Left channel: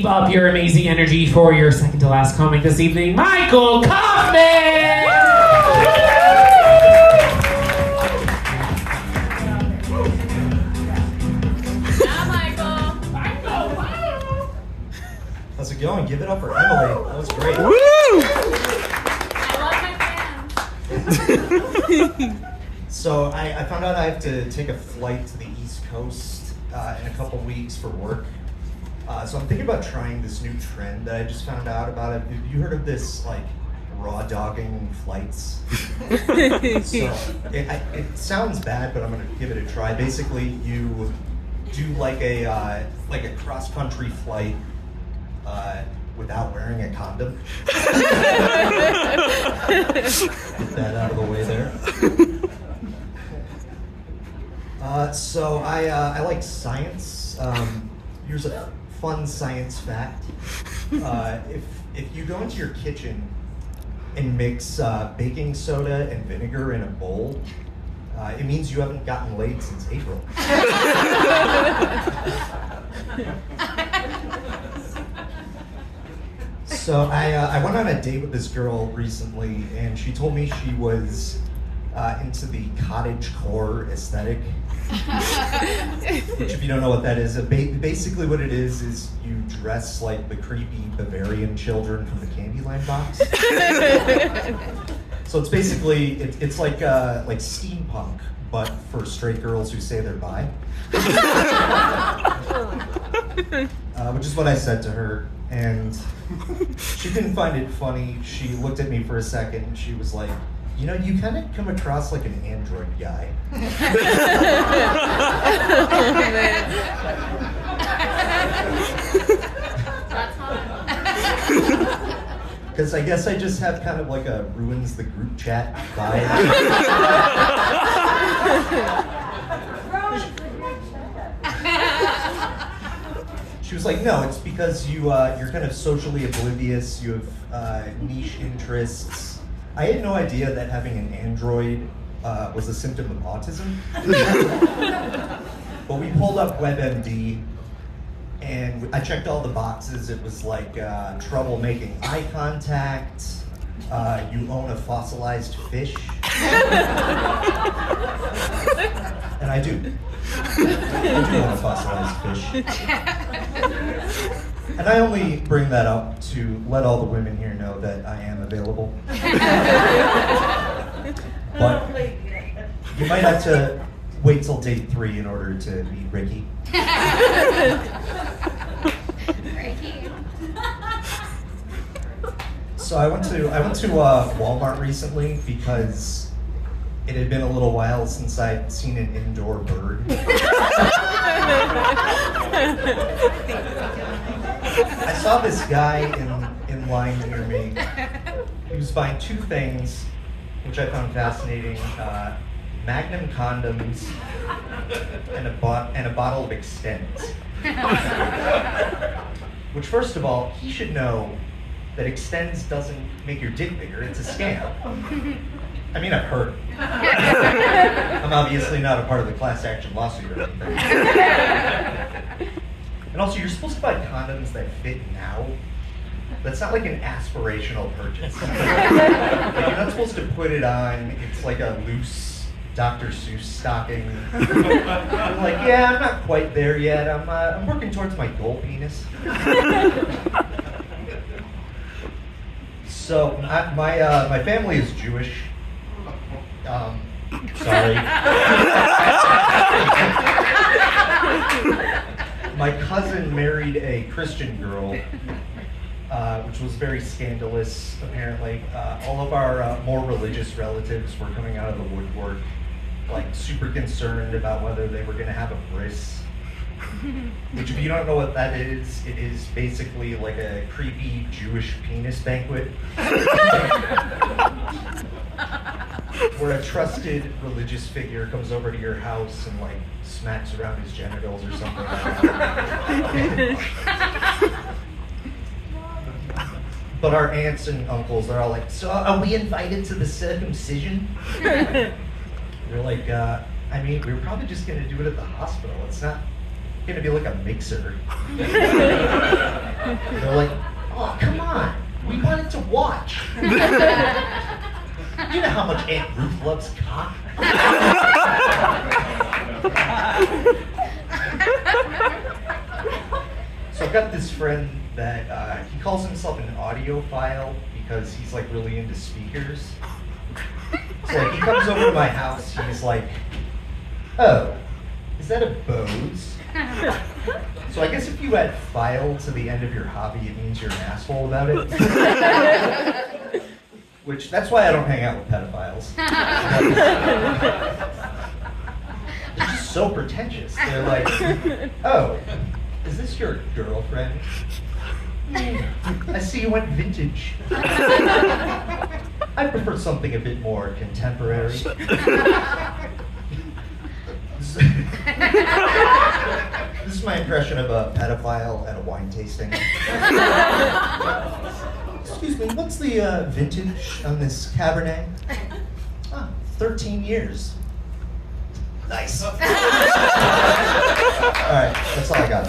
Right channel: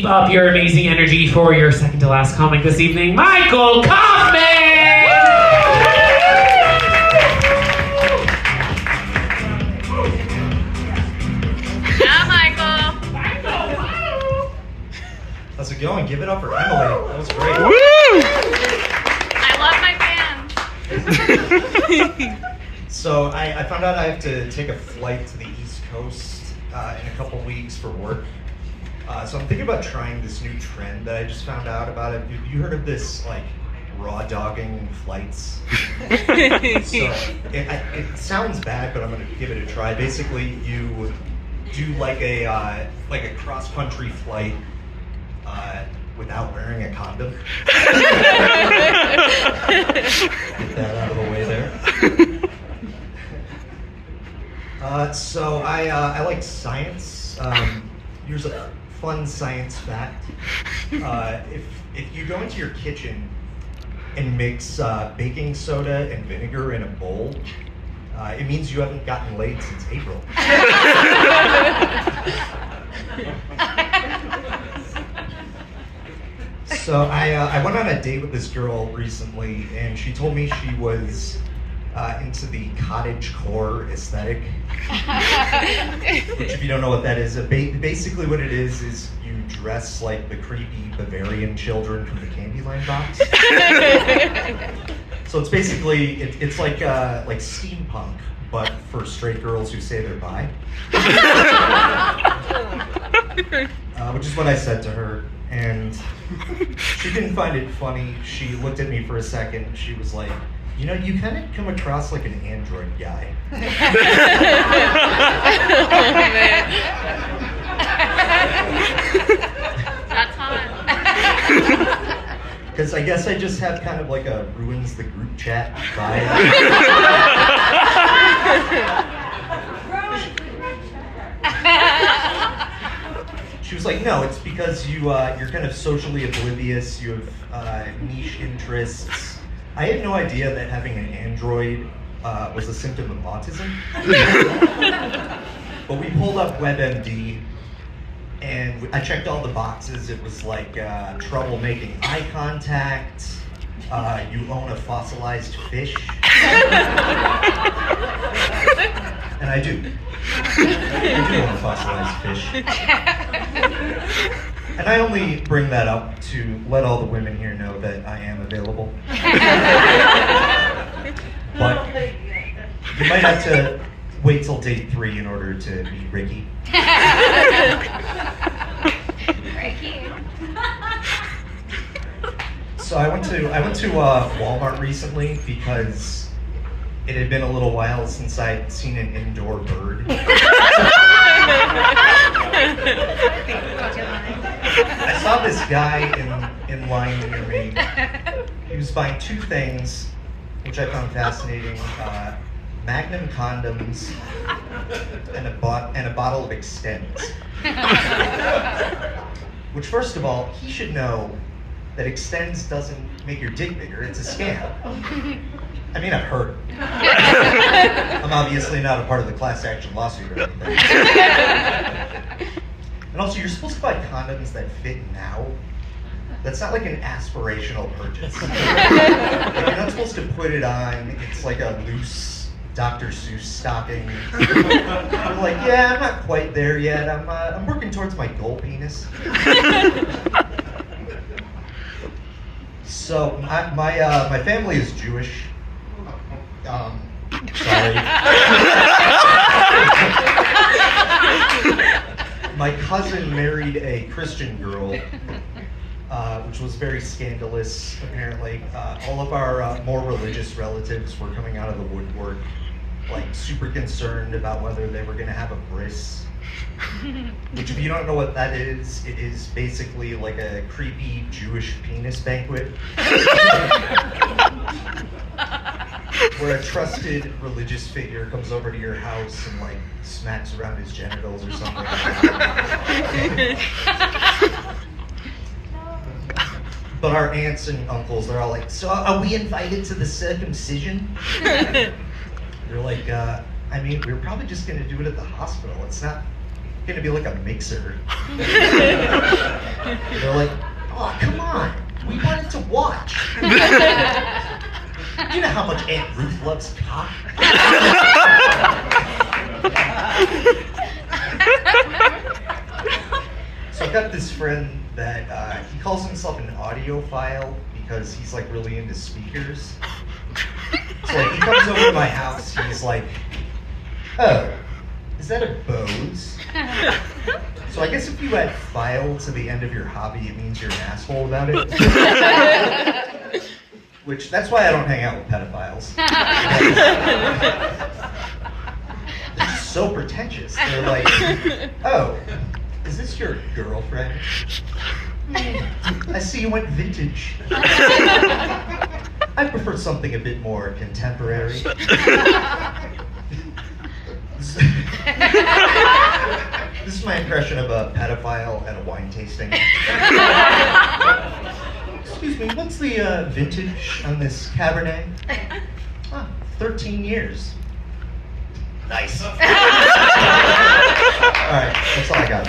keep up your amazing energy for your second to last comic this evening, Michael Kaufman! How's it going? Give it up for Emily. That was great. Woo! I love my fans. So I found out I have to take a flight to the East Coast in a couple weeks for work. So I'm thinking about trying this new trend that I just found out about. Have you heard of this, like, raw dogging flights? So it sounds bad, but I'm gonna give it a try. Basically, you do like a cross-country flight without wearing a condom. Get that out of the way there. So I like science. Here's a fun science fact. If you go into your kitchen and mix baking soda and vinegar in a bowl, it means you haven't gotten laid since April. So I went on a date with this girl recently, and she told me she was into the cottagecore aesthetic. Which, if you don't know what that is, basically what it is you dress like the creepy Bavarian children from the Candyland box. So it's basically it's like steampunk, but for straight girls who say they're bi. Which is what I said to her, and she didn't find it funny. She looked at me for a second. She was like, "You know, you kind of come across like an android guy." That's hot. Because I guess I just have kind of like a ruins the group chat vibe. She was like, "No, it's because you're kind of socially oblivious. You have niche interests." I had no idea that having an android was a symptom of autism. But we pulled up WebMD, and I checked all the boxes. It was like trouble making eye contact. You own a fossilized fish. And I do. I do own a fossilized fish. And I only bring that up to let all the women here know that I am available. But you might have to wait till date 3 in order to meet Ricky. So I went to Walmart recently because it had been a little while since I'd seen an indoor bird. I saw this guy in line near me. He was buying 2 things, which I found fascinating: Magnum condoms and a bottle of Extends. Which, first of all, he should know that Extends doesn't make your dick bigger. It's a scam. I mean, I've heard. I'm obviously not a part of the class action lawsuit or anything. And also, you're supposed to buy condoms that fit now. That's not like an aspirational purchase. Like, you're not supposed to put it on. It's like a loose Dr. Seuss stocking. You're like, yeah, I'm not quite there yet. I'm working towards my goal penis. So my family is Jewish. Sorry. My cousin married a Christian girl, which was very scandalous, apparently. All of our more religious relatives were coming out of the woodwork, like super concerned about whether they were going to have a bris. Which, if you don't know what that is, it is basically like a creepy Jewish penis banquet. Where a trusted religious figure comes over to your house and like smacks around his genitals or something like that. But our aunts and uncles, they're all like, "So are we invited to the circumcision?" They're like, I mean, we're probably just gonna do it at the hospital. It's not gonna be like a mixer. They're like, oh, come on. We wanted to watch. You know how much Aunt Ruth loves cock? So I've got this friend that he calls himself an audiophile because he's like really into speakers. So like, he comes over to my house, he's like, oh, is that a Bose? So I guess if you add file to the end of your hobby, it means you're an asshole about it. Which, that's why I don't hang out with pedophiles. They're just so pretentious. They're like, oh, is this your girlfriend? I see you went vintage. I prefer something a bit more contemporary. This is my impression of a pedophile at a wine tasting. Excuse me, what's the vintage on this Cabernet? 13 years. Nice. All right, that's all I got.